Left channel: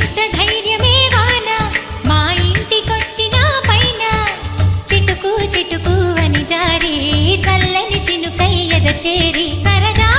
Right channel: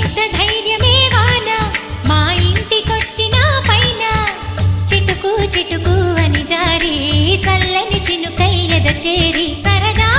ఎంత ధైర్యమే వాన మా ఇంటికొచ్చిన పైన చిటుకు చిటుకు అని జారి చల్లని చినుకై ఎద చేరి సరదా